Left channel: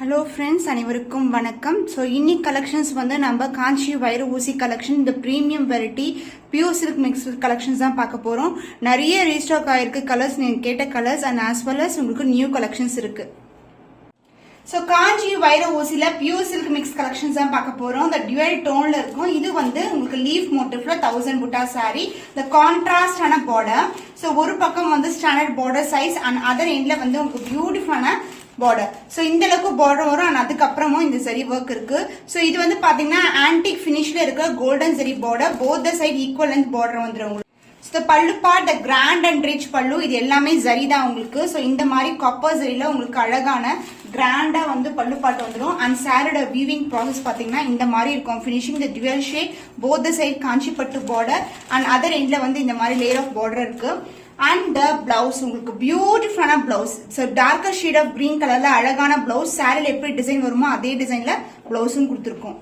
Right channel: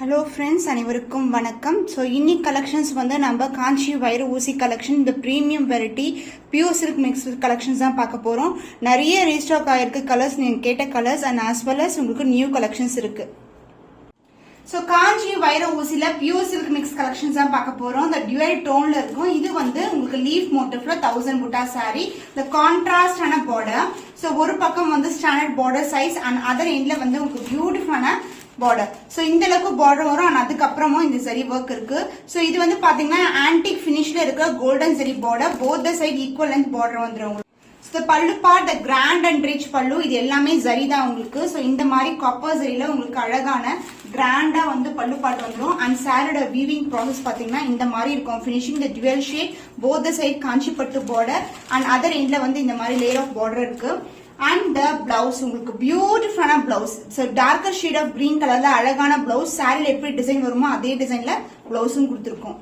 Hello friends, அனைவருக்கும் வணக்கம். So இன்னைக்கு கலெக்ஷன்ஸ் வந்து நம்ம காஞ்சி வைர ஊசி கலெக்ஷன், இந்த premium variety pure silk mix collections தான் பார்க்க போகிறோம். நிறைய ரீஸ்டாக் ஆயிருக்கு கலர்ஸ், நீங்கள் கேட்ட colours and as well as உங்களுக்கு நியூ கலெக்ஷன்ஸ் இருக்கு. ஸோ காஞ்சி வைர ஊசியில பியூர் சில்க் மிக்ஸ் கலெக்ஷன்ஸ் தான் பார்க்க போறோம். இந்த டியூவல் டோன்ல இருக்கும். இது வந்து உங்களுக்கு லீஃப் மோட்டிவ்ல 1000 புட்டா சாரி. இந்த கான்ட்ராஸ்டான பார்டர். ஸோ ஒரு பக்கம் வந்து standard border size and other எண்ட்ல வந்து உங்களுக்கு பியூட்டிஃபுல்லான பார்டர். சோ இந்த அளவுக்கு பார்டர் வரும் அண்ட் அதுக்கப்புறமும் இந்த சரி ஒர்க் இருக்கு. சோ இது வந்து பாத்தீங்கன்னா ஆன்டிக் பினிஷ்ல இருக்க golden zari border. Both the side equal length border வந்துரும். Pallu part the grand and rich pallu, இது எல்லாமே ஜரி தான் உங்களுக்கு. சோ இந்த மாதிரி காப்பர் ஜரியில உங்களுக்கு அழகான கிராண்டா வந்து பல்லு பார்ட் வந்துடும். அண்ட் சாரியோட வீவிங் ப்ராசஸ் பாத்தீங்கன்னா இந்த மாதிரி இருக்கும். Finishing the dual shade both the side Kanchi பட்டு பார்டர் அண்ட் அதர் எண்ட்ல வந்து இந்த மாதிரி லேயர் ஆஃப் பார்டர் இருக்கு. அண்ட் த பிளவுஸ் உங்களுக்கு பியூட்டிஃபுல்லான blouse. So darker shade of green கலர்ல அழகான பிளவுஸ். சாரில எப்படி டிசைன் வருமோ அதே டிசைன்ல பிளவுஸும் கொடுத்துருக்கோம்.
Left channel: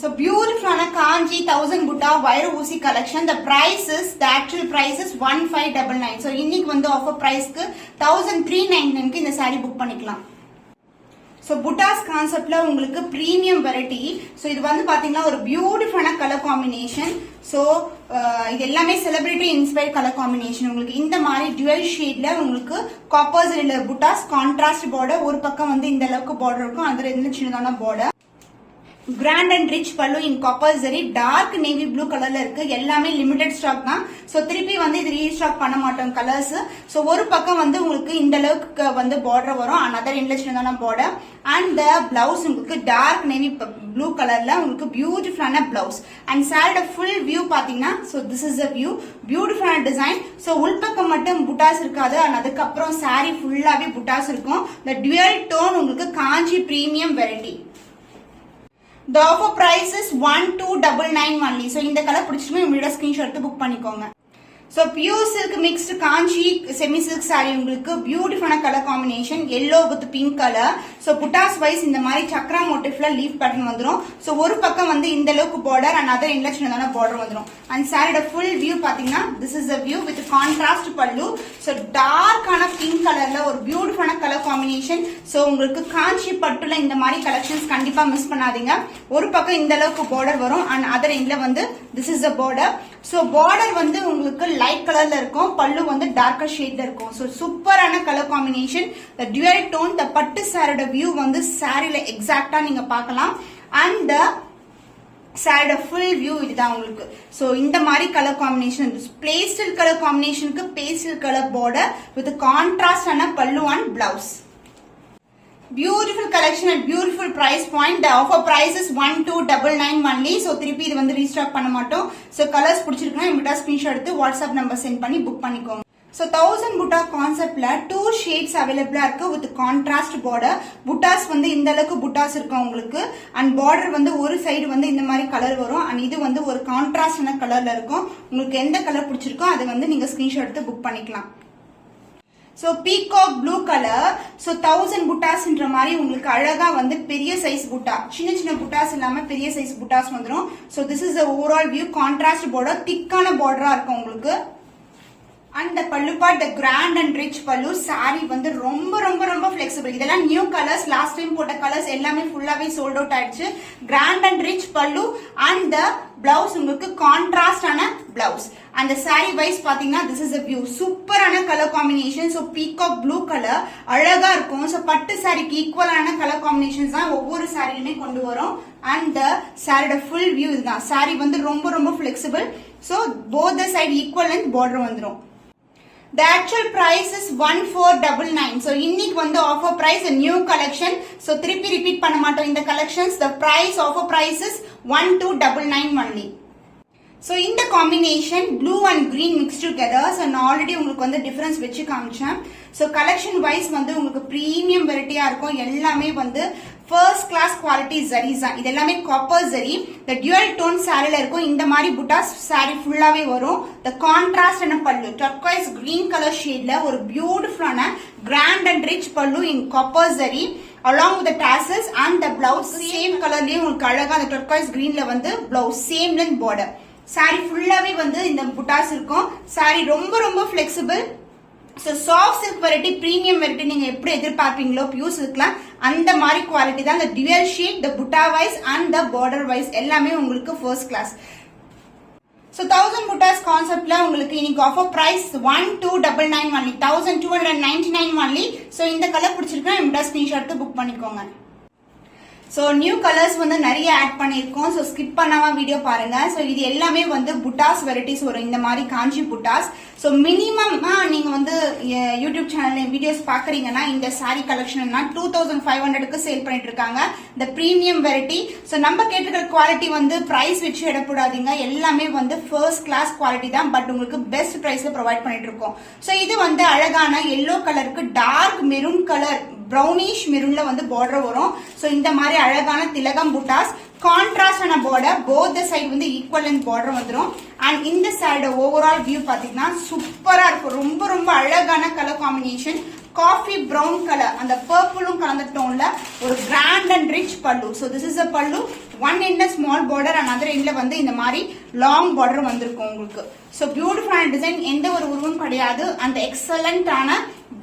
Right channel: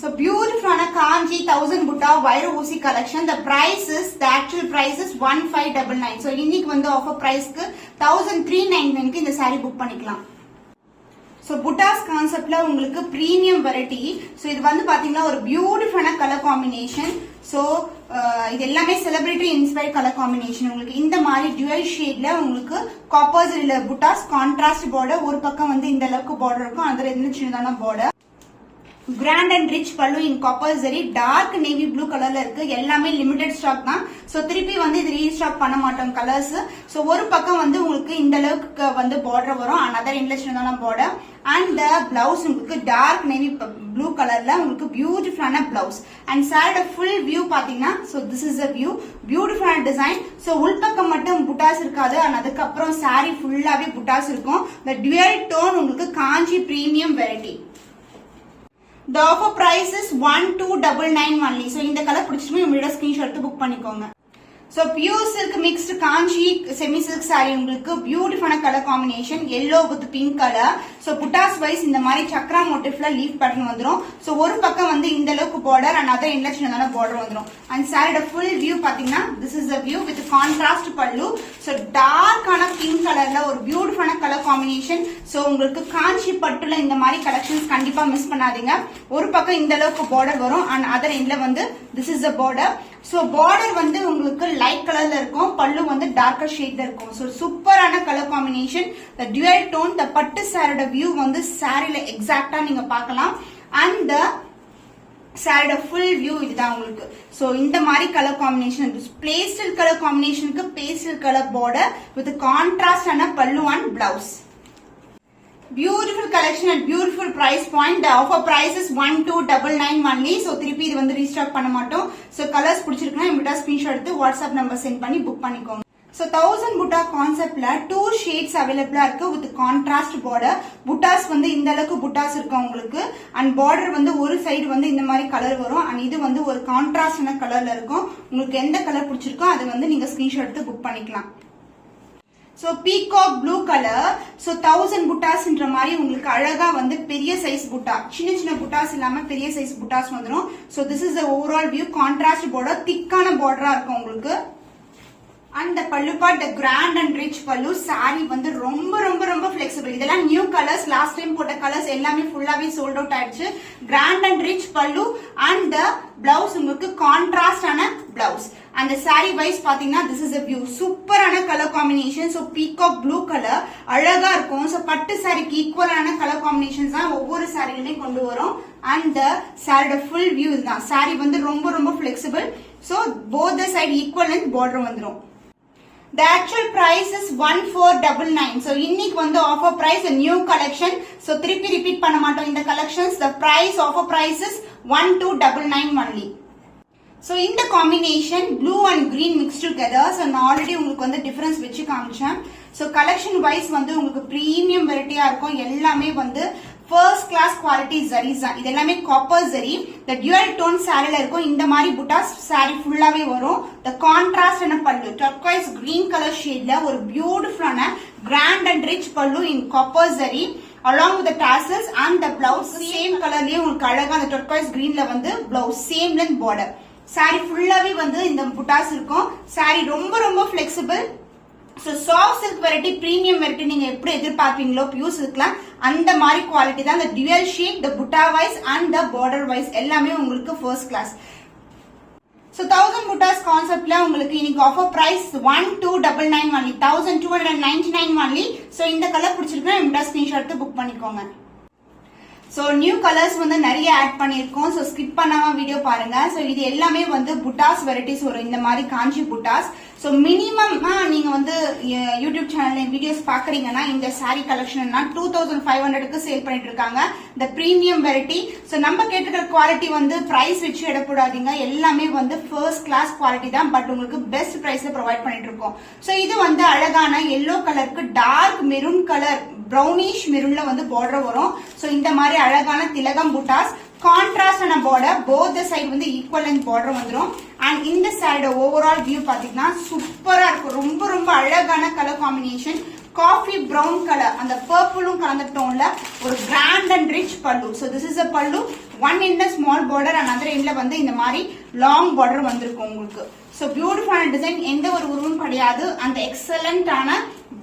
So beautiful Kanji 1000 Butta wire ஊசி collection. The price is, the actual price is 1599. So இன்னைக்கு வந்து offer price க்கு 1399 க்கு இந்த saree book பண்ணிக்கலாம். So Butta's conceptல உங்களுக்கு premium variety. So இது வந்து பாத்தீங்கன்னா ஒரு பியூட்டிஃபுல்லான கலர் காம்பினேஷன். So இது எல்லாமே செலிபிரிட்டி இன்ஸ்பயர்ட் கலர் காம்பினேஷன். உங்களுக்கு இந்த மாதிரி டுவல் ஷேட்ல உங்களுக்கு காப்பர் ஜரியில புட்டாஸ் கான்ட்ராஸ்ட் பார்டர். ஒரு பக்கம் வந்து இந்த அளவுக்கு பார்டர் இருக்கும், அதுல இருந்து சின்னதான border. Grand and rich pallu in copper zari. Dark navy blue கலர்ல இருக்கு. எல்லாமே லிமிடெட் ஸ்டாக் தான். சோ திருப்பி வந்து இது ரீஸ்டாக் பண்ண மாட்டோம் கலர்ஸ். சோ ஒரு பக்கம் வந்து உங்களுக்கு இந்த அளவுக்கு வந்து பார்டர் வரும் அண்ட் அதர் இன்ட்ரெஸ்டான பார்டர். அண்ட் பிளவுஸ் உங்களுக்கு டார்க் நேவி ப்ளூ கலர்ல உங்களுக்கு பியூட்டிஃபுல்லான பிளவுஸ். அண்ட் சாரியோட ஃபுல் வியூ பாத்தீங்கன்னா so this is a view. பியூட்டிஃபுல்லான டிசைன். சோ உள்பக்கம் மட்டும் புட்டாஸ் இருக்காது அண்ட் அதுக்கப்புறம் சாரி ஃபுல்லாவே புட்டாஸ் இருக்கும். இந்த டுவல் டோன் உங்களுக்கு Kanchi premium variety. The offer price is 1299 only. So இந்த கலர் பிடிச்சிட்டு உங்களோட ஸ்கிரீன்ஷாட் எடுத்து புக் பண்ணிக்கோங்க. So pure silk mixed காஞ்சி semi silk saree உங்களுக்கு பியூட்டிஃபுல்லான colour combination yellow with pink color. So buttas wise இந்த மாதிரி சக்ரா மோட்டிவ்ல லீஃப் பேட்டர்ன் வந்துரும். So ஒரு பக்கம் வந்து இந்த அளவுக்கு பார்டர் அண்ட் அதர் எண்ட்ல சின்னதான பார்டர் வந்துரும். அண்ட் சாரியோட ஃபுல் வியூ பாத்தீங்கன்னா this is the view with contrast பல்லு. So டார்க்கான பிங்க் கலர்ல ஒரு பியூட்டிஃபுல்லான கலர் காம்பினேஷன். So உங்களுக்கு காஞ்சி பட்டுல இந்த மாதிரி கலெக்ஷன்ஸ் கண்டிப்பா மிஸ் பண்ணாதீங்க. ஒரு பக்கம் இந்த அளவுக்கு பார்டர் வரும் அண்ட் அதர் எண்ட்ல வந்து this is the border. So border வந்து உங்களுக்கு லைட் கலர்ல இருக்கும், பல்லு வந்து டார்க்கர் ஷேட்ல இருக்கும். சோ சூப்பரான கலர் காம்பினேஷன். த டுவல் டோன், த பட்டு சாரியோட வியூ வந்து சாரில எக்ஸாக்ட்டா நீங்க பார்க்கலாம். அண்ட் த சாரியோட ஃபுல் வியூ இதுதான் உங்களுக்கு. சோ இந்த மாதிரி கலர் காம்பினேஷன், பேஸ்டல் கலர் காம்பினேஷனுக்கு pastel colour border with contrast ஆன pallu and blouse. Beautiful collection at beautiful price point. The offer price is 1299 only. So திருப்பி இது வந்து ரீஸ்டாக் பண்ண மாட்டோம். So கலர்ஸ் பிடிச்சிருக்குன்னா இமிட்டா ஸ்கிரீன்ஷாட் எடுத்து வாட்ஸ்அப் நம்பர் சென்ட் பண்ணி புக் பண்ணிக்கோங்க. So 1000 புட்டா கான்செப்ட்ல 2 ஷேட்ஸ் அவைலபிளா இருக்கு வித் கான்ட்ராஸ்ட் பார்டர். புட்டாஸ் வந்து இந்த அளவுக்கு புட்டாஸ் இருக்கு உங்களுக்கு. அண்ட் பார்டர் வந்து ஒரு சைடு வந்து இந்த மாதிரி கலர் வரும் அண்ட் இது வந்து ஒரு கான்ட்ராஸ்டான கலர்ல இருக்கும். உங்களுக்கு எந்த கலர் பிடிச்சிருக்கோ அதை வந்து நீங்க ஸ்கிரீன்ஷாட் எடுத்து புக் பண்ணிக்கலாம். So peacock blue colour. So 1000 புட்டாஸ்ன்ற மாதிரி உங்களுக்கு அழகா வந்து பெரிய சைஸ் புட்டா, சின்ன சின்ன புட்டாஸ் இல்லாம பெரிய சைஸ் புட்டாஸ் வந்துரும். So this is the overall view. Contrast border, திக்கான பார்டரா இருக்கும் உங்களுக்கு. And pallu part the grand and rich pallu. Sari வந்து ரொம்ப ரொம்ப ரொம்ப பிளெக்சிபிள். இதெல்லாம் நியூ கலர்ஸ், லாஸ்ட் டைம் போட்ட கலர்ஸ் எல்லாமே ஃபுல்லாவே சோல்ட் அவுட் ஆயிடுச்சு. Grand and rich pallu and the blouse உங்களுக்கு கான்ட்ராஸ்ட் ஆன பிளவுஸ். அந்த சாரி வைஸ் பாத்தீங்கன்னா திஸ் இஸ் a view. சூப்பரான colour combination. So peacock blue colour அழகா இருக்கும். சோ பட்டு சாரிக்கு ஈக்குவலான கலர் காம்பினேஷன்ஸ் தான் ஒவ்வொரு சாரிலுமே கொண்டு வரும். அண்ட் த சாரியோட ஃபுல் வியூ இதுதான். சாரி வந்து ரொம்ப ரொம்ப flexible. So both the side equal length border வந்துரும். The actual price is 1499. So இன்னைக்கு வந்து offer price a new collection. So திருப்பி ரிப்பீட் பண்ண மாட்டோம் இந்த collections. The price offer price is 1299 only. So இந்த combination blue and green mixed together. So நான் already உங்களுக்கு வந்து டிஃபரன்ஸ் வச்சு காமிச்சேன். So collection wise வந்து உங்களுக்கு பிரீமியம் வெரைட்டியா இருக்கும். எல்லாமே வந்து ஃபர்ஸ்ட் கிளாஸ் குவாலிட்டி ஜரீஸ் தான். இது எல்லாமே காப்பர் ஜரி. த டுவல் டோன் சாரில இருக்கும். இந்த மாதிரி புட்டாஸ் சாரி ஃபுல்லாவே வரும். த கான்ட்ராஸ்ட் என்ன பல்லு டர்க்வைஸ் கிரீன் கலர் ஷேட்ல ஒரு பியூட்டிஃபுல்லான grand and rich pallu in copper zari along with the tassels and the blouse same கலர்லயே உங்களுக்கு அழகா அந்த டர்க்வைஸ் கிரீன்ல வந்து blouse same length border. Sari ஃபுல்லாவே வந்து இந்த புட்டாஸ் இருக்கும். சாரி ரொம்ப ரொம்ப flexible. So soft silk variety premium variety நீங்க எப்படி எதிர்பார்ப்பீங்களோ பியூர் சில்க்ல அந்த மாதிரி குவாலிட்டி தான். இந்த dual sheet, the buta wise and the border wise எல்லாமே உங்களுக்கு first class. So 1000 butas concept la உங்களுக்கு இன்னைக்கு offer price 1299 only, 1299 only. So இந்த கலர் பிடிச்சிருக்கா இந்த ஸ்கிரீன்ஷாட் எடுத்து புக் பண்ணிக்கோங்க. சோ நியூ கலர்ஸ் வந்து நிறைய ஆட் பண்ணிருக்கோம். சோ ஸ்கிப் பண்ணாம வீடியோ பாருங்க. சோ இது எல்லாமே வந்து புட்டாஸ் வெரைட்டிஸ் வரும், இந்த மாதிரி காஞ்சி புட்டாஸ். சோ மினிமம் நீங்க வந்து யூடியூப் சேனல்ல வீடியோஸ் பாக்குறீங்கன்னா இந்த சாரி கலெக்ஷன் 2500க்கு சேல் பண்ணிட்டு இருக்காங்க. இந்த பிரீமியம் வெரைட்டி. சோ நம்ம கேட்டுக்கிற குவாலிட்டி வந்து பிரைஸ் வச்சு இடப்படாதீங்க, எல்லாமே வந்து ஃபர்ஸ்ட் கிளாஸ் குவாலிட்டி தான். பட் உங்களுக்கு பெஸ்ட் பிரைஸ்ல ப்ரொவைட் பண்ணிட்டு இருக்கோம். சோ இது வந்து அழகான எல்லோ கலருக்கு டார்க் மெரூன் கலர், brownish மெரூன்ல வந்து பார்டர் வரும். சோ இந்த மாதிரி அழகான திலகம் புட்டாஸ், கான்ட்ராஸ்டான பார்டர், போத் தி சைடு வந்து ஈக்குவல் லென்த் பார்டர் வந்துரும். அண்ட் இந்த சைடு ஓவரால் வியூ பாத்தீங்கன்னா சூப்பரா இருக்கும். ரொம்ப ரொம்ப அழகான colour combination, coffee brown colour, அந்த பர்பிளும் கலந்த டோன்ல ஒரு grand and rich pallu. So this is a pallu, one end small border and other எண்ட்ல வந்து இந்த மாதிரி லாங் பார்டர் வந்திருக்கும் உங்களுக்கு. சோ பியூட்டிஃபுல்லான டிசைன், எந்த ஒரு உருவம் கிடையாது. அந்த எக்ஸலண்டான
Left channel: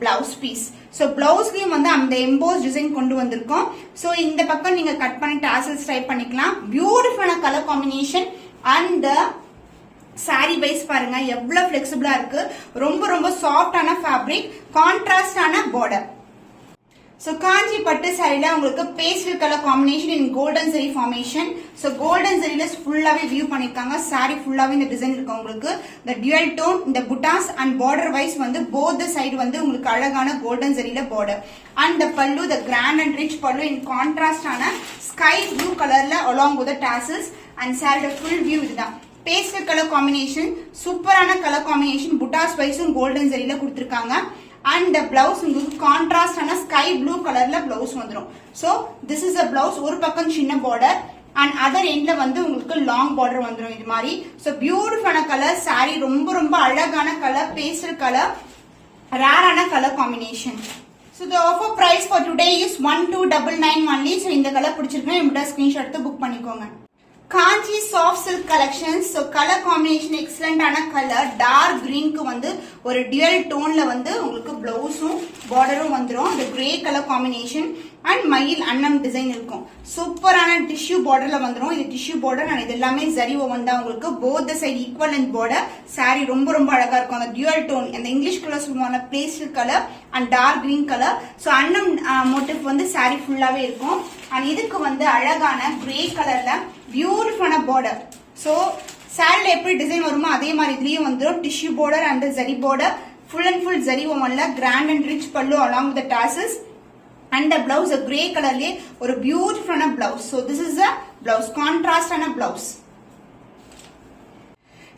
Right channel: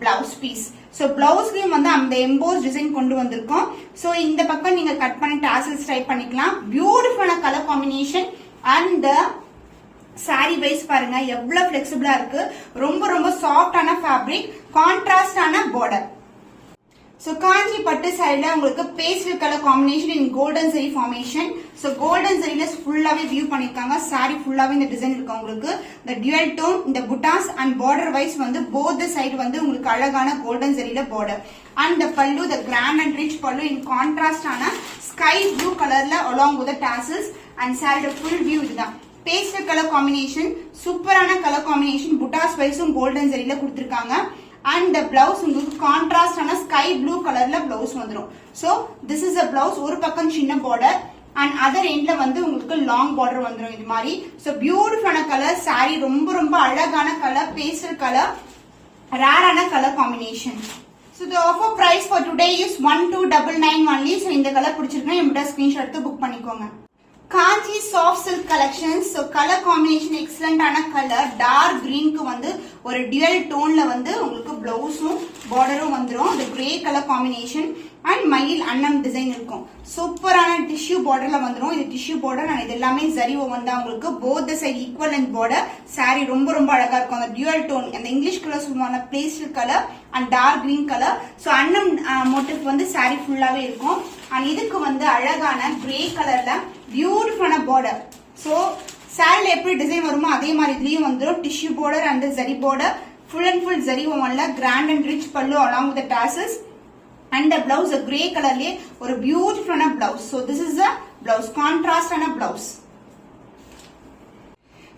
பிளவுஸ் பீஸ். சோ பிளவுஸ்லயும் வந்து அந்த எம்போஸ் டிசைன் கொண்டு வந்திருக்கோம். சோ இந்த பக்கம் நீங்க கட் பண்ணி டாசல்ஸ் ட்ரை பண்ணிக்கலாம். பியூட்டிஃபுல்லான colour combination and sari wise பாருங்க எவ்வளவு பிளெக்சிபிளா இருக்கு. ரொம்ப ரொம்ப சாஃப்டான ஃபேப்ரிக், கான்ட்ராஸ்டான பார்டர். சோ காஞ்சி பட்டு சாரில உங்களுக்கு pastel colour combination in golden zari formation. So golden ஜெரில ஃபுல்லாவே வியூ பண்ணிருக்காங்க. சாரி ஃபுல்லாவே இந்த டிசைன் இருக்கு உங்களுக்கு. இந்த டியூயல் டோன், இந்த புட்டாஸ் அண்ட் பார்டர் வைஸ் வந்து போத் தி சைடு வந்து உங்களுக்கு அழகான கோல்டன் ஜெரில பார்டர். அண்ட் த பல்லு, த grand and rich pallu in கான்ட்ராஸ்டான sky blue கலர்ல along with the tassels and sorry full view இதுதான். பேஸ்டல் கலர் காம்பினேஷன், சூப்பரான கலர் காம்பினேஷன், புட்டாஸ் வைஸும் கோல்டன் ஜெரில கொடுத்திருக்காங்க. அண்ட் பிளவுஸ் உங்களுக்கு கான்ட்ராஸ்டான ஸ்கை ப்ளூ கலர்ல பிளவுஸ் வந்துடும். So this is a blouse, ஒரு பக்கம் சின்ன பார்டர் அண்ட் அதர் எண்ட்ல வந்து உங்களுக்கு லாங் பார்டர் வந்துடும் இது மாதிரி. சோ பியூட்டிஃபுல்லான கலர் சாரி, ரொம்ப ரொம்ப அழகான கலர், பேஸ்டல் கலர், ரேரான colour combination. So the offer price for today is 1299 only. So இந்த கலர் பிடிச்சிருக்கா இந்த ஸ்கிரீன்ஷாட் எடுத்து புக் பண்ணிக்கோங்க. Kanchi soft silk collections. So colour combination எக்ஸலண்டான கலர், டார்க் கிரீனுக்கு வந்து ஒரு டியூயல் டோன்ல வந்து உங்களுக்கு பிளவுஸும் பார்டரும் வந்துடும். இந்த கிரே கலர் காம்பினேஷன் அண்ட் மயில் அன்னம் டிசைன் இருக்கும். சூப்பரான டிஷ்யூ பார்டர்ல வந்துடும். இது டிஷ்யூ பார்டர் அண்ட் இது எல்லாமே ஜரி ஓவன் தான் உங்களுக்கு. Both the side equal length border. Sari ரொம்ப ரொம்ப அழகா இருக்கும். அந்த டியூயல் டோன், அந்த இங்கிலீஷ் கலர் சொல்லுவாங்க pastel colour and dark green colour. So அன்னம் மோட்டிவ் வந்து சாரி ஃபுல்லாவே இருக்கும். அண்ட் இதுக்கு வந்து அழகான கிரே கலர்ல பியூட்டிஃபுல்லான பார்டர். சோ சாரில எப்படி டிசைன் வருமோ அதே மாதிரி இதுலயும் வந்துடும். Tissue border and zari border, full and full zari ஓவன்ல grand and rich pallu along with the tassels. And the blouse a grey color ஒரு பியூட்டிஃபுல்லான blouse. So this is a blouse, contrast and a blouse.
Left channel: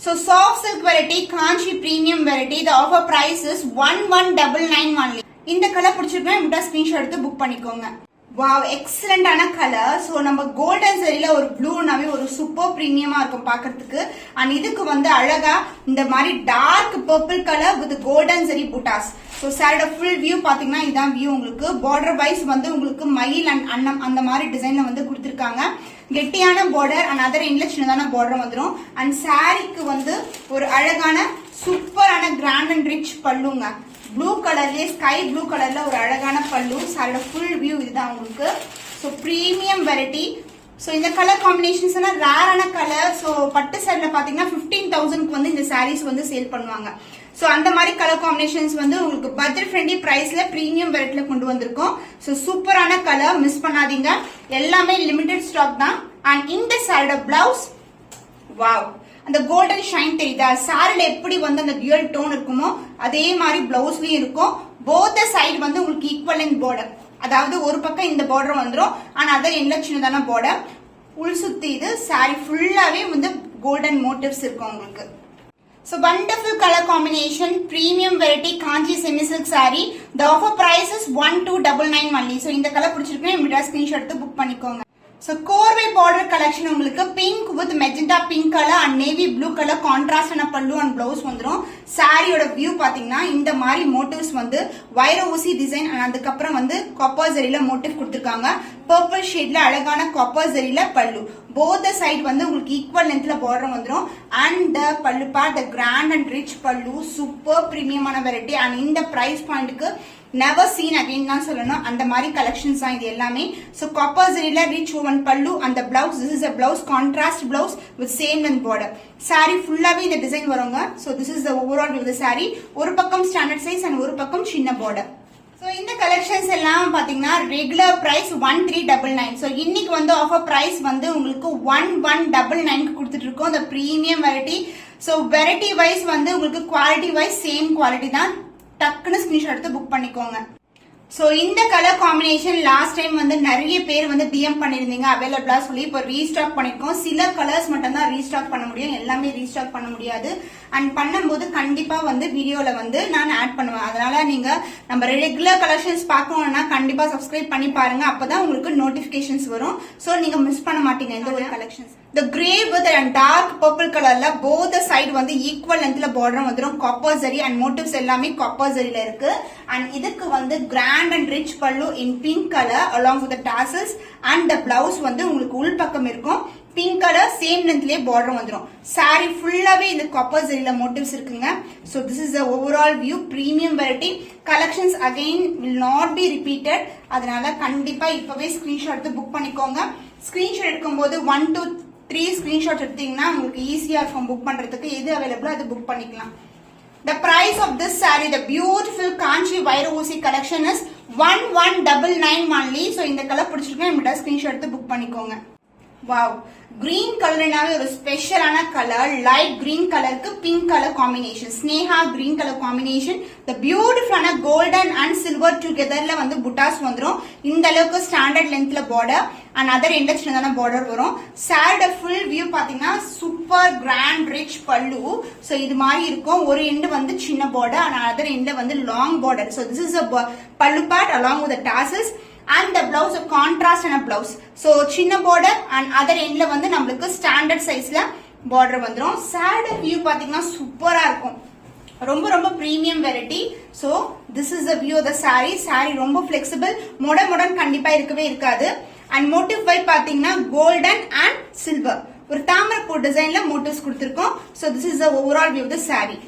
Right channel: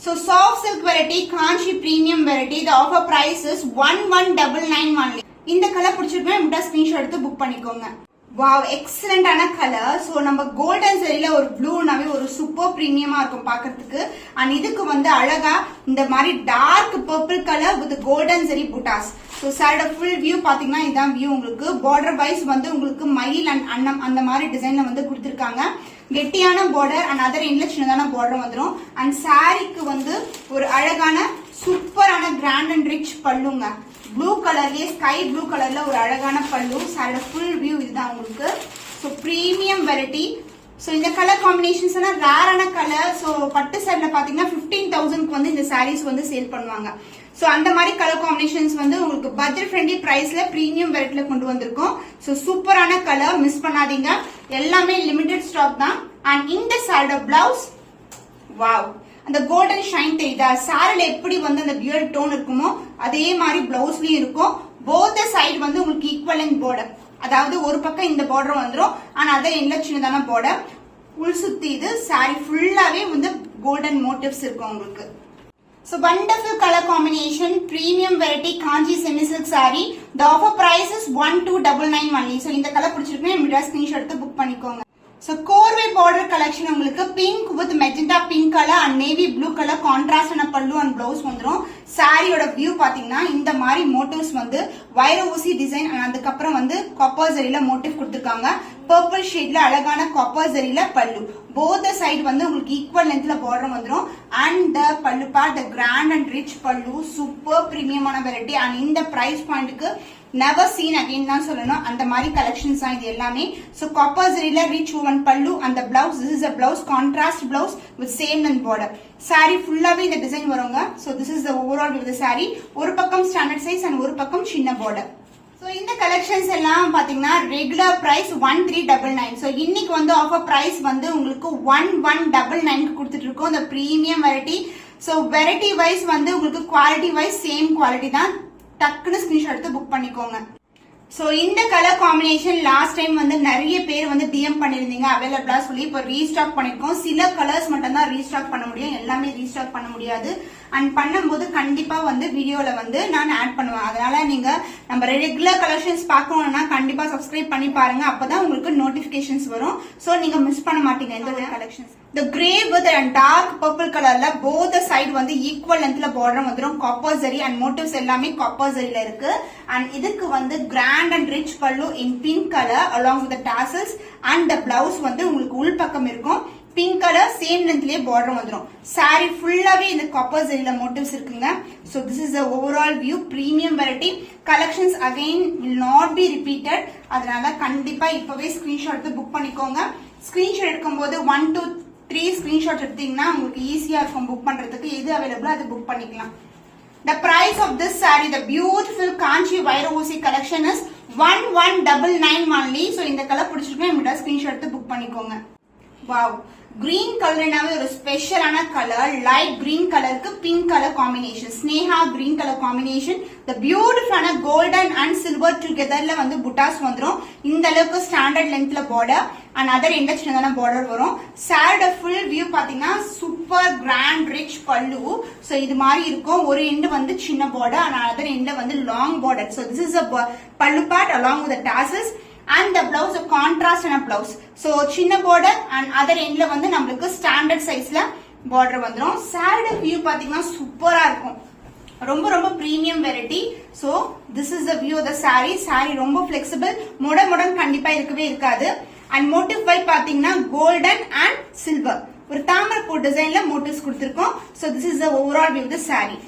So soft silk variety, Kanchi premium variety. The offer price is 1199 only. இந்த colour பிடிச்சிருக்கா இந்த screenshot எடுத்து book பண்ணிக்கோங்க. Wow, எக்ஸலண்டான colour. So நம்ம golden ஜெரில ஒரு ப்ளூனாவே ஒரு சூப்பர் பிரீமியமா இருக்கும் பாக்கிறதுக்கு. அண்ட் இதுக்கு வந்து அழகா இந்த மாதிரி dark purple colour with golden zari buttas. So சாரியோட ஃபுல் வியூ பாத்தீங்கன்னா இதான் வியூ உங்களுக்கு. பார்டர் வைஸ் வந்து உங்களுக்கு மயில் அண்ட் அன்னம் அந்த மாதிரி டிசைன்ல வந்து கொடுத்திருக்காங்க. கெட்டியான பார்டர் அண்ட் அதர் எண்ட்ல சின்னதான பார்டர் வந்துடும். அண்ட் சாரிக்கு வந்து ஒரு அழகான சூப்பரான கிராண்ட் அண்ட் ரிச் பல்லுங்க. ப்ளூ கலர்லயே ஸ்கை ப்ளூ கலர்ல ஒரு அழகான பல்லு. சாரியோட ஃபுல் வியூ இதுதான் உங்களுக்கு. So premium variety. சோ இந்த கலர் காம்பினேஷன்ஸ் எல்லாம் ரேரான கலர். சோ பட்டு சாரில பாத்தீங்கன்னா 15,000க்கு வந்து இந்த சாரீஸ் வந்து சேல் பண்ணுவாங்க. சோ அந்த மாதிரி கலர் காம்பினேஷன்ஸ் வந்து உங்களுக்கு பட்ஜெட் ஃப்ரெண்ட்லி பிரைஸ்ல பிரீமியம் வெரைட்டில கொண்டு வந்திருக்கோம். சோ சூப்பரான கலர், மிஸ் பண்ணாதீங்க. எல்லாமே லிமிடெட் ஸ்டாக் தான். அண்ட் இந்த சாரியோட பிளவுஸ் வாவ், அந்த கோல்டன் ஷைன் தெரியுதா? சாரில எப்படி வந்து அந்த டியூயல் டோன் இருக்குமோ அதே மாதிரி பிளவுஸ்லயும் இருக்கும். போத் சைடு வந்து உங்களுக்கு ஈக்குவல் லென்த் பார்டர், அதாவது ஒரு பக்கம் இந்த பார்டர் வந்துடும் ஆனா அதர் எண்ட்ல சின்னதான பார்டர். உள் சுத்தி இது சாரி ஃபுல்லாவே வந்து கோல்டன் மோட்டிவ்ஸ் இருக்கும் உங்களுக்கு. So wonderful color combination, premium variety Kanchi semi silk saree. The offer price is 1299 only. So இந்த கலர் பிடிச்சிருக்கேன் இந்த ஸ்கிரீன்ஷாட் எடுத்து புக் பண்ணிக்கோங்க. So கோர்வே பார்டர் கலெக்ஷன் உங்களுக்கு pink with magenta pink colour and navy blue colour கான்ட்ராஸ்டான pallu and blouse வந்துரும். சாரியோட வியூ பாத்தீங்கன்னா இந்த மாதிரி மோட்டிவ்ஸ் வந்து வைர ஊசி டிசைன் அண்ட் அதுக்கப்புறம் வந்து காப்பர் ஜரியில மோட்டிவ் கொடுத்திருக்காங்க. பர்பிள் ஷேட்ல அழகான காப்பர் ஜரியில பல்லு. போத் சைடு வந்து உங்களுக்கு ஈக்குவல் லென்த்ல பார்டர் வந்துரும். And pallu part grand and rich பல்லு சூப்பர் பிரீமியமான வெரைட்டி அண்ட் இந்த பிரைஸ் பாயிண்ட்க்கு never seen again தான் சொல்லணும். அந்த மாதிரி கலெக்ஷன்ஸ் தான் இது எல்லாமே. So copper zariல rich woven pallu and the blouse, this is a blouse contrast blouse with same length border. Saree ஃபுல்லாவே இந்த டிசைன் வருங்க. So this is the overall view of the saree. ஒரு பக்கம் ஸ்டாண்டர்ட் சைஸ் and ஒரு பக்கம் சின்ன border. So இந்த collections எல்லாம் பாத்தீங்கன்னா ரெகுலர் பிரைஸ் 1399. So இன்னைக்கு வந்து ஆஃபர் பிரைஸ் வந்து உங்களுக்கு 1199 கொடுத்துட்டு இருக்கோம். இந்த premium variety. So variety wise வந்து உங்களுக்கு குவாலிட்டி வைஸ் சேம் குவாலிட்டி தான். டக்குன்னு ஸ்கிரீன்ஷாட் எடுத்து புக் பண்ணிக்கோங்க. சோ இந்த கலர் காம்பினேஷன் லாஸ்ட் டைம் வந்து நிறைய பேர் வந்து டிஎம் பண்ணிருந்தீங்க அவைலபிளா சொல்லி இப்போ ரீஸ்டாக் பண்ணிருக்கோம். சில கலர்ஸ் மட்டும் தான் ரீஸ்டாக் பண்ண முடியும், எல்லாமே ரீஸ்டாக் பண்ண முடியாது. அண்ட் பண்ணும்போது கண்டிப்பா வந்து வீடியோல வந்து நான் ஆட் பண்ணுவேன். அதனால நீங்க நம்ம ரெகுலர் கலெக்ஷன்ஸ் பார்க்கணும்னா கண்டிப்பா சப்ஸ்கிரைப் பண்ணி பாருங்க, அப்பதான் உங்களுக்கு நோட்டிபிகேஷன்ஸ் வரும். சோ நீங்க மிஸ் பண்ண மாட்டீங்க இந்த ஒரு collections. The grey with and dark purple colorல both side வந்து equal lengthல border வந்துரும். காப்பர் ஜரி and motifs எல்லாமே காப்பர் ஜரியில இருக்கு. and இதுக்கு வந்து grand and rich pallu in pink color along with the tassels and the blouse வந்து உங்களுக்கு உள் பக்கம் இருக்கும். பிங்க் கலர் சேம் லென்த்லயே பார்டர் வந்துரும். சாரி ஃபுல்லாவே இந்த காப்பர் ஜரியில motifs இருக்குங்க. so this is the overall view. premium variety collections again will not be repeated. அதனால கண்டிப்பா இப்பவே ஸ்கிரீன்ஷாட் எடுத்து புக் பண்ணிக்கோங்க. ஸ்கிரீன்ஷாட் எடுக்கும்போது 1 to 3 ஸ்கிரீன்ஷாட் எடுத்தீங்கன்னா உங்களுக்கு ஈஸியா இருக்கும் புக் பண்றதுக்கு. எது அவைலபிளோ அது புக் பண்ணிக்கலாம். The price of this saree, the beautiful Kanchi Vaira Oosi collection is 1199 only. So இந்த கலர் பிடிச்சிருக்கா நம்மகிட்ட ஸ்கிரீன்ஷாட் எடுத்து புக் பண்ணிக்கோங்க. வாவ், கிரீன் கலர்னாவே ஒரு ஸ்பெஷலான கலர். லைட் கிரீன் கலருக்கு pink colour combination, Sneha green colour combination. The பியூட்டிஃபுல்லான கோல்டன் அண்ட் சில்வர் டுகெதர்ல வந்து புட்டாஸ் வந்துரும். இந்த அளவுக்கு ஸ்டாண்டர்ட் லென்த்ல பார்டர் அண்ட் அதர் எண்ட சின்னதான பார்டர் வரும். சாரியோட ஃபுல் வியூ பாத்தீங்கன்னா super grand rich pallu. So இது மாதிரி இருக்கும். ஒரு எண்டு வந்து சின்ன பார்டர் அண்ட் அதர் எண்ட வந்து long border. So this is a பல்லு part along with the tassels and the blouse a contrast and a blouse. So சின்ன border and other endல வந்து நமக்கு ஸ்டாண்டர்ட் சைஸ்ல border வந்துரும். சாரியோட வியூ பாத்தீங்கன்னா சூப்பரா இருக்கும். ரொம்ப ரொம்ப premium variety. So this is the view of the saree. saree ரொம்ப flexible, மொடன் கண்டிப்பா இருக்கவே இருக்காது. and motif வை பாத்தீங்கன்னா golden and silver ஒரு தாமரை பூ டிசைன்ல motifs கொடுத்திருக்கோம். so this is the overall view of the saree.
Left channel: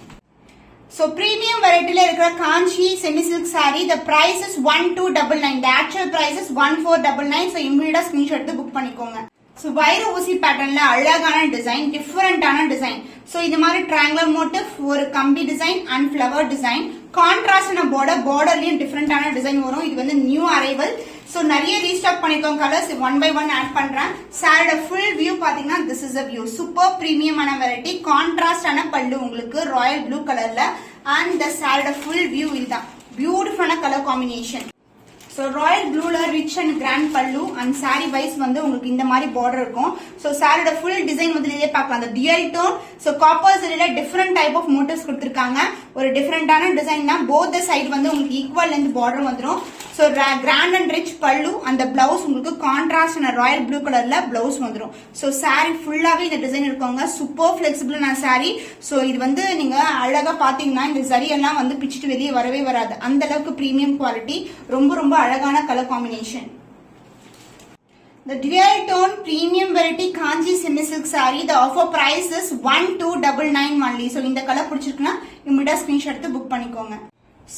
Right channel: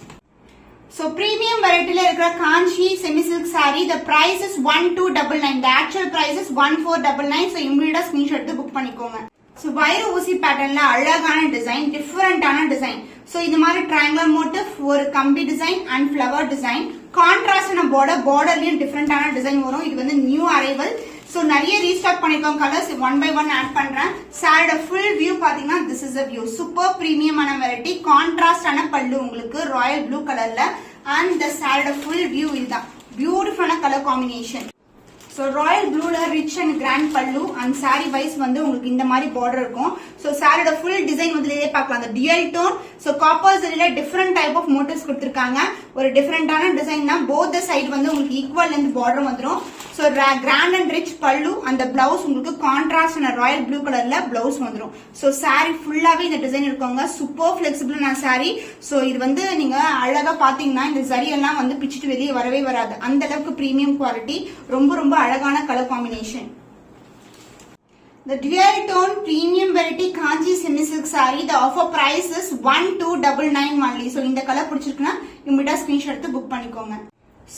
So premium variety la irukra Kanchi semi silk saree, the price is 1299. The actual price is 1499. So immediate screenshot எடுத்து book பண்ணிக்கோங்க. So வைர ஊசி பேட்டர்ன்ல அழகான design, டிஃபரண்டான design. So இது மாதிரி triangular motif, ஒரு கம்பி டிசைன் and flower design. கான்ட்ராஸ்டான பார்டர்லயும் டிஃபரண்டான டிசைன் வரும். இது வந்து நியூ அரைவல். So நிறைய ரீஸ்டாக் பண்ணிக்கோங்க colours. One by one add பண்றேன். சாரியோட ஃபுல் வியூ பாத்தீங்கன்னா this is a view. Super பிரீமியமான வெரைட்டி. கான்ட்ராஸ்டான பல்லு உங்களுக்கு ராயல் ப்ளூ கலர்ல and the சாரியோட ஃபுல் வியூ இதுதான். பியூட்டிஃபுல்லான கலர் காம்பினேஷன். So ராயல் ப்ளூல rich and grand pallu and sari wise வந்து உங்களுக்கு இந்த மாதிரி பார்டர் இருக்கும். சோ சாரியோட ஃபுல் டிசைன் முதல்லயே பார்க்கலாம். அந்த டியல் டோன். சோ காப்பர் ஜரியில டிஃபரெண்ட் டைப் ஆஃப் மோட்டிவ்ஸ் கொடுத்திருக்காங்க. ஒரு டிஃபரெண்டான டிசைன் தான். போத் சைடு வந்து உங்களுக்கு ஈக்குவல் லென்த் பார்டர் வந்துரும். So grand and rich pallu அந்த பிளவுஸ் உங்களுக்கு கான்ட்ராஸ்ட் ராயல் ப்ளூ கலர்ல பிளவுஸ் வந்துரும். சோ சாரி ஃபுல்லாவே இந்த டிசைன் இருக்குங்க. Super பிளெக்சிபிளான sorry. சோ இது வந்து நீங்க அழகா பாத்தீங்கன்னா இந்த சரி எல்லாம் வந்து பிச்சுட்டு வெளியே வரவே வராது. அந்த அளவுக்கு பிரீமியம் குவாலிட்டி. ரொம்ப ரொம்ப அழகான colour combination. The dual tone premium variety Kanchi semi silk saree, the offer price is 1299 only. So இந்த கலர் பிடிச்சிருக்குன்னா இமிடியா ஸ்கிரீன்ஷாட் எடுத்து புக் பண்ணிக்கோங்க.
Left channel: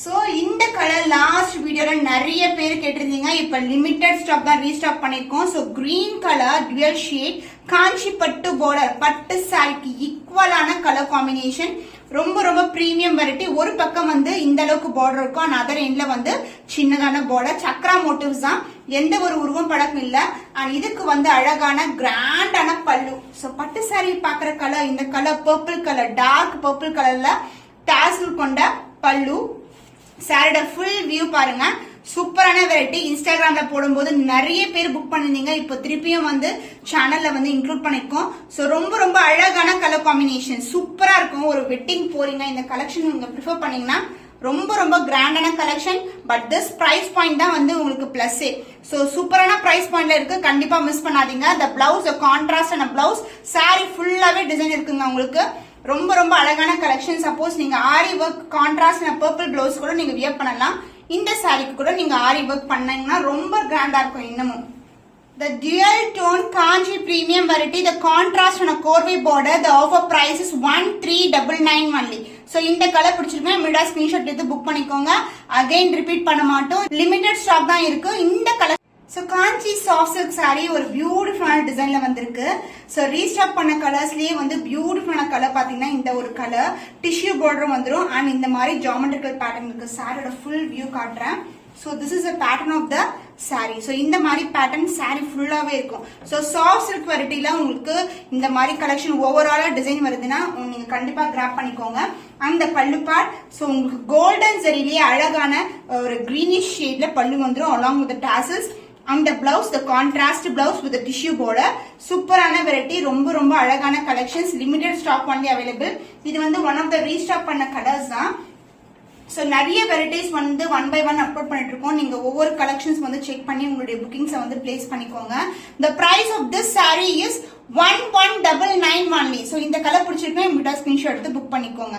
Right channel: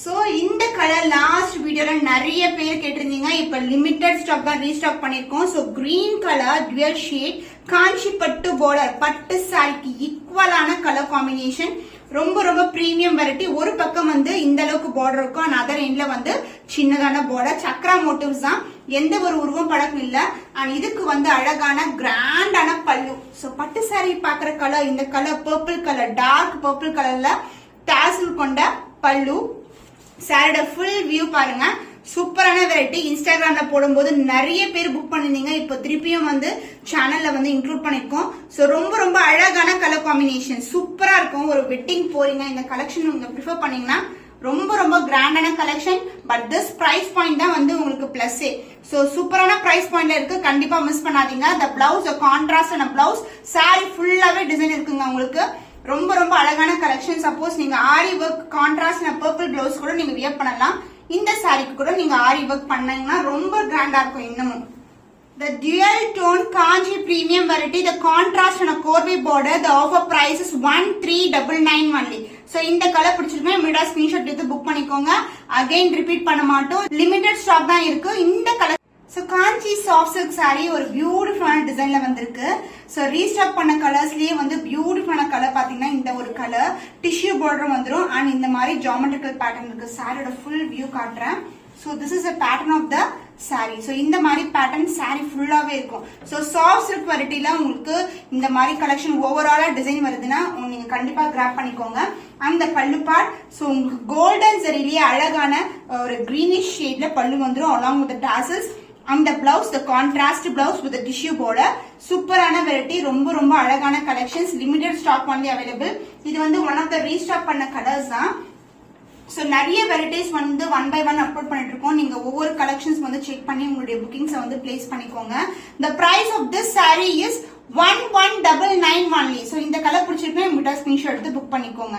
சோ இந்த கலர் லாஸ்ட் வீடியோல நிறைய பேர் கேட்டிருந்தீங்க. இப்ப லிமிடெட் ஸ்டாக் தான் ரீஸ்டாக் பண்ணிருக்கோம். So green colour dual shade Kanchi பட்டு பார்டர், பட்டு சாரிக்கு ஈக்குவலான கலர் காம்பினேஷன். ரொம்ப ரொம்ப பிரீமியம் வெரைட்டி. ஒரு பக்கம் வந்து இந்த அளவுக்கு பார்டர் இருக்கும் அண்ட் அதர் எண்ட்ல வந்து சின்னதான பார்டர். சக்ரா மோட்டிவ்ஸ் தான். எந்த ஒரு உருவம் பழக்கம் இல்ல. அண்ட் இதுக்கு வந்து அழகான கிராண்டான பல்லு. சோ பட்டு சாரி பாக்குற கலர் இந்த colour purple colour, dark purple கலர்ல டாசல் கொண்ட பல்லு. சாரியோட ஃபுல் வியூ பாருங்க. சூப்பரான வெரைட்டி. இன்ஸ்டாகிராம்ல போடும்போது நிறைய பேர் புக் பண்ணிருந்தீங்க. இப்போ திருப்பியும் வந்து சேனல்ல வந்து இன்க்ளூட் பண்ணிருக்கோம். சோ ரொம்ப ரொம்ப அழகான கலர் காம்பினேஷன். சூப்பரா இருக்கும். ஒரு வெட்டிங் போறீங்க இந்த கலெக்ஷன் நீங்க ப்ரிஃபர் பண்ணீங்கன்னா ரொம்ப ரொம்ப கிராண்டான collection. But this price point தான் வந்து உங்களுக்கு பிளஸ். சோ சூப்பரான பிரைஸ் பாயிண்ட்ல இருக்கு, கண்டிப்பா மிஸ் பண்ணாதீங்க. the blouse, the contrast and blouse, saree ஃபுல்லாவே டிசைன் இருக்குங்க உங்களுக்கு. ரொம்ப ரொம்ப அழகான கலெக்ஷன். சப்போஸ் நீங்க ஆரி ஒர்க் கான்ட்ராஸ்ட் பர்பிள் பிளவுஸ் கூட நீங்க வியர் பண்ணலாம். இந்த சாரிக்கு கூட நீங்க ஆரி ஒர்க் பண்ணீங்கன்னா ரொம்ப கிராண்டா இருக்கும் இன்னமும். The dual tone Kanchi premium variety, the contrast and a corvi border, the offer price is 1399 only. So இந்த கலர் பிடிச்சிருக்கா மீடா ஸ்கிரீன்ஷாட் எடுத்து புக் பண்ணிக்கோங்க. அகைன் ரிப்பீட் பண்ண மாட்டோம், லிமிடெட் ஸ்டாக் தான் இருக்கு இந்த கலர். So காஞ்சி சாஃப்ட் சில்க் சாரி ஒரு பியூட்டிஃபுல்லான டிசைன்ல வந்திருக்கு. சோ ரீஸ்டாக் பண்ண கலர்ஸ்லயே வந்து பியூட்டிஃபுல்லான கலர் பாத்தீங்கன்னா இந்த ஒரு கலர் டிஷ்யூ பார்டர் வந்துரும். அண்ட் இந்த மாதிரி ஜியோமெட்ரிக்கல் பேட்டர்ன் இருக்கு. சாரியோட ஃபுல் வியூ காட்டுறேன். So this is a pattern of the saree. So இந்த மாதிரி pattern saree ஃபுல்லாவே இருக்கும். So soft silk varietyல உங்களுக்கு இந்த மாதிரி கலெக்ஷன் ஓவராலா டிசைன் வருதுன்னா நீங்க கண்டிப்பா கிராப் பண்ணிக்கோங்க. அந்த பல்லு பார்ட் சோ உங்களுக்கு கோல்டன் ஜரியிலேயே அழகான ஒரு கிரீனிஷ் ஷேட்ல பல்லு வந்துரும் along with the tassels. அந்த blouse the contrast blouse with the tissue border. சூப்பரான வெரைட்டி, ரொம்ப ரொம்ப அழகான collections. Limited stock only available. இது வந்து ஒன் ஆஃப் த ரீஸ்டாக் பண்ண கலர்ஸ் தான். சோ நிறைய வெரைட்டிஸ் வந்து ஒன் பை ஒன் அப்லோட் பண்ணிட்டு இருக்கோம். நீங்க ஒவ்வொரு கலெக்ஷன்ஸ் வந்து செக் பண்ணி உங்களுடைய புக்கிங்ஸ் வந்து பிளேஸ் பண்ணிக்கோங்க. The price of this saree is 1199 only. So இந்த கலர் பிடிச்சிருக்கேன், உங்ககிட்ட ஸ்கிரீன்ஷாட் எடுத்து புக் பண்ணிக்கோங்க.